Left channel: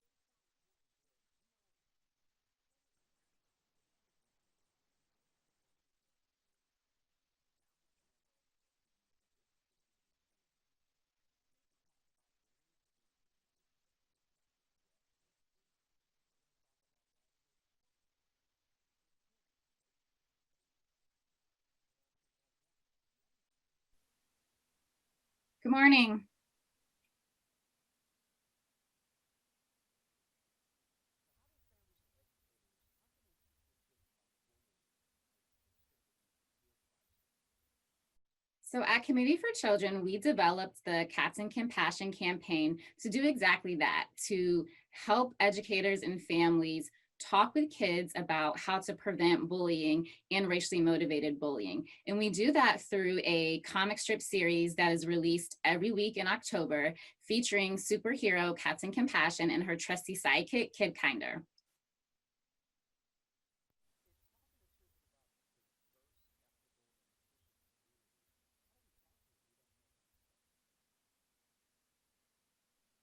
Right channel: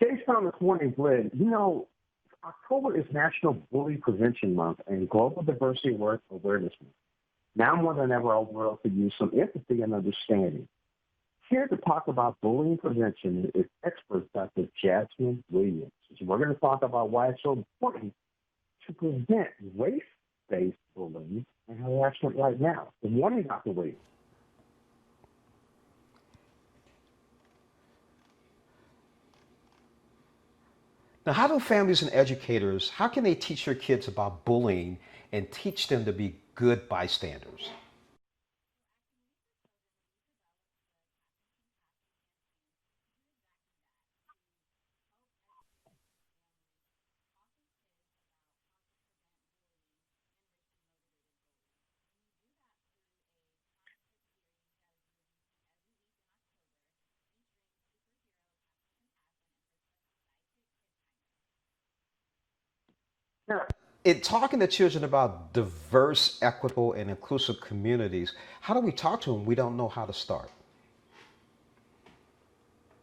Based on this morning, Glenn, October is National Bully Prevention Month and Global Diversity Work Awareness Month. Now more than ever, our world could use some empathy and understanding. Here to talk about bullying prevention is expert Dr. Jasmine Williams. So we're going to talk about why it's so important to prevent race-based bullying and harassment right now. Good morning, Dr. Williams. Good morning. Now, how do families and educators, how can they teach their kids about bullying and teach them to be good bystanders? So at Committee for Children, we developed the Cats and Compassion campaign to do exactly that, to help educators and families talk with kids about how to prevent bullying and racially motivated bullying. And we do that through a comic strip series that is released every week in October, featuring superhero Cats and Compassion and her trusty sidekick, Kid Kinder. In talking to children about diverse, equitable, and inclusive communities, how do we talk to them? We don't know how to start.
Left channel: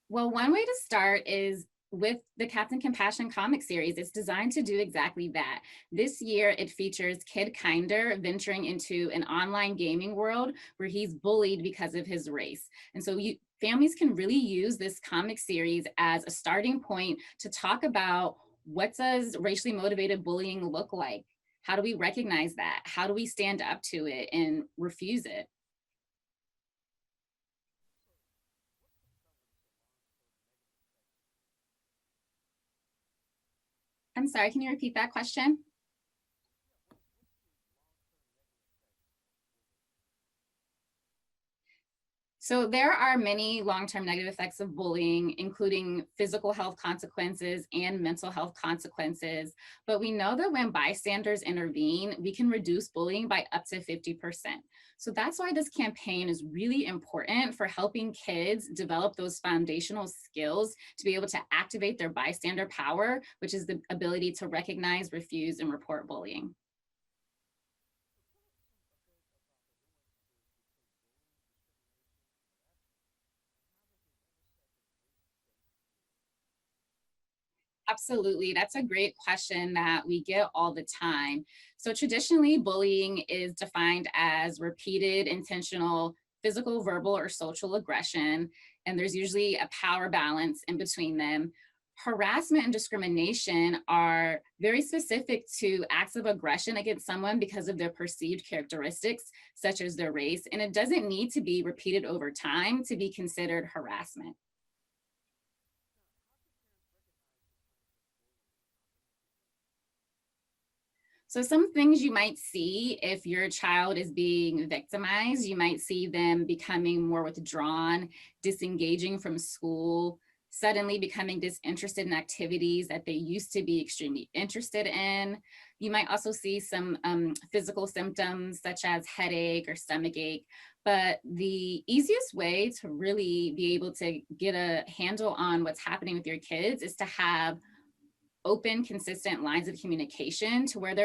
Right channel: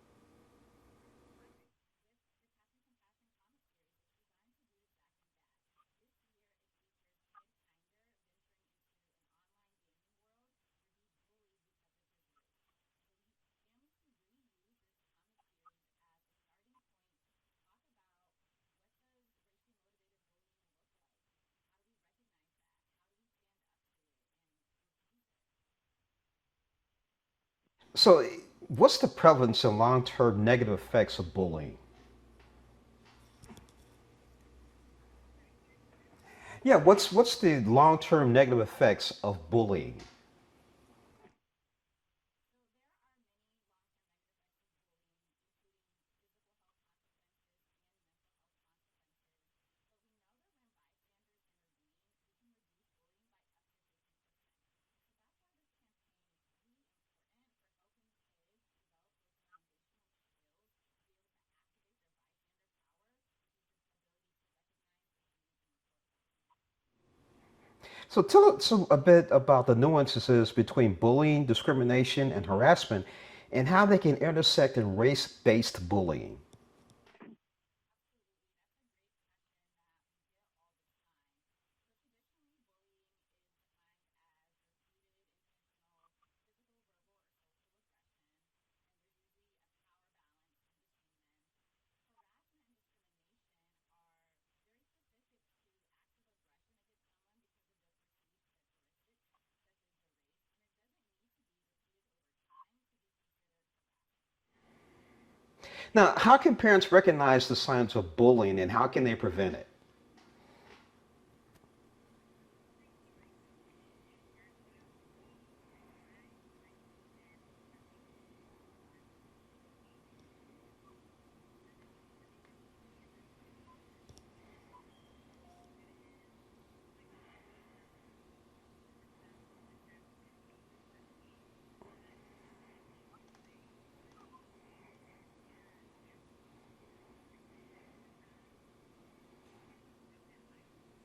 Well, one way to start is with the Cats and Compassion comic series. It's designed to do exactly that. This year, it features Kid Kinder venturing into an online gaming world where he's bullied because of his race. And so families can really use this comic series as a starting point to talk about, what does racially motivated bullying look like? How do we recognize that? How do we stand up to it and refuse it? So, what's the prevalence and long term negative effects of bullying? I'm sorry, can you repeat that question? Yeah, what's the long term negative effects of bullying? So there are many long-term negative effects of bullying, including physical health consequences and mental health consequences. But we know that when bystanders intervene, we can reduce bullying by up to 50%. So that's why this campaign is really important for helping kids develop those foundational skills to be able to activate their bystander power, which is the ability to recognize, refuse, and report bullying. So, tell us a bit about the nuances between bullying, discrimination, and harassment, and how they can intersect in race based bullying. Absolutely. That's a great question that we get all the time. So, traditionally, bullying is defined as repeated, intentional, physical, verbal, or social aggression. And there's usually a power balance in between them. Harassment and discrimination are very specific to acts of aggression against someone because of their perceived characteristics, such as their race. And it doesn't need to be repeated over time to be considered harassment. Now, how can parents recognize the signs of bullying and how can they prevent it? So some things you might see if your child is being victimized, you might see them becoming more withdrawn, disengaging from school, suddenly becoming disinterested in activities that they used to be extremely interested in. You might also see some physical symptoms such as headache or stomach ache. But the easiest way to really be able to get a handle on what's happening with your kids is to have open, consistent lines of communication to where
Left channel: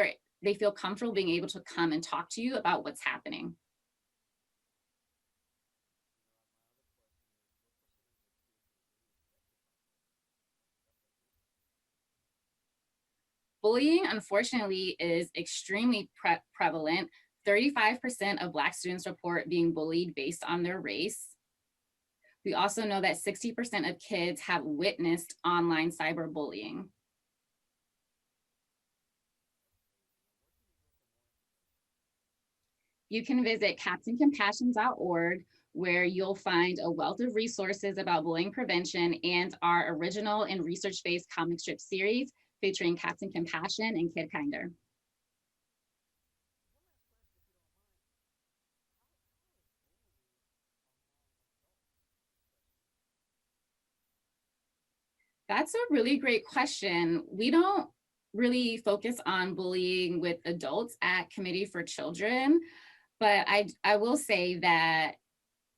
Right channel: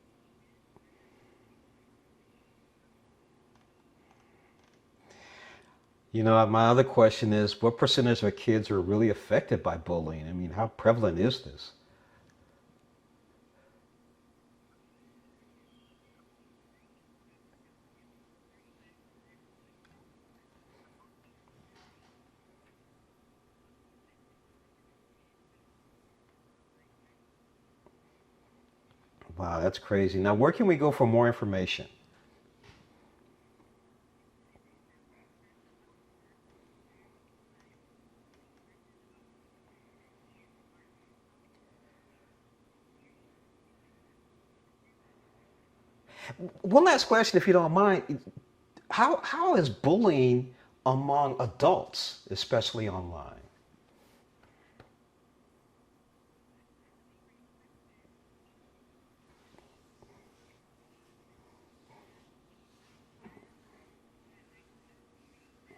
they feel comfortable being able to come and talk to you about what's happening. My other question is what percentage of kids are really affected by bullying? I mean, how prevalent is this? Bullying, unfortunately, is extremely prevalent. 35% of Black students report being bullied based on their race. We also know that 60% of kids have witnessed online cyberbullying. Wow, that's crazy. Now, where can we go for more information? You can visit captaincompassion.org, where you'll find a wealth of resources about bullying prevention and our original and research-based comic strip series featuring Captain Compassion and Kid Kinder. One last question, if you don't mind. How is bullying among adults, especially online? That's a really great question. We don't really focus on bullying with adults at Committee for Children, but I will say that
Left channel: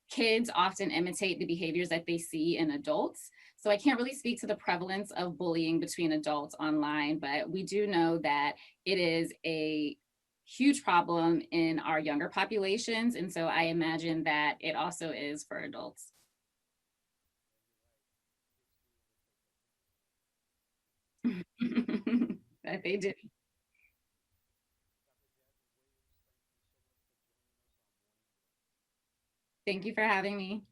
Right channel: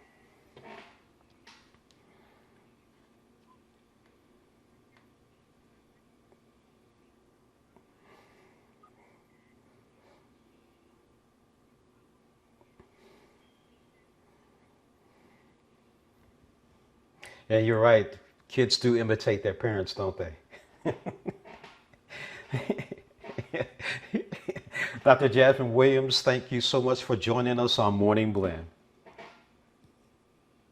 kids often imitate the behaviors that they see in adults. So I can't really speak to the prevalence of bullying between adults online, but we do know that it is a huge problem in our younger populations. And so I imagine that it also is for adults. Yeah, you're right. Kids do imitate their parents, don't they? Yeah, they do. Dr. Jasmine Williams, thank you so much for joining us on Morning Blend. Thank you for having me.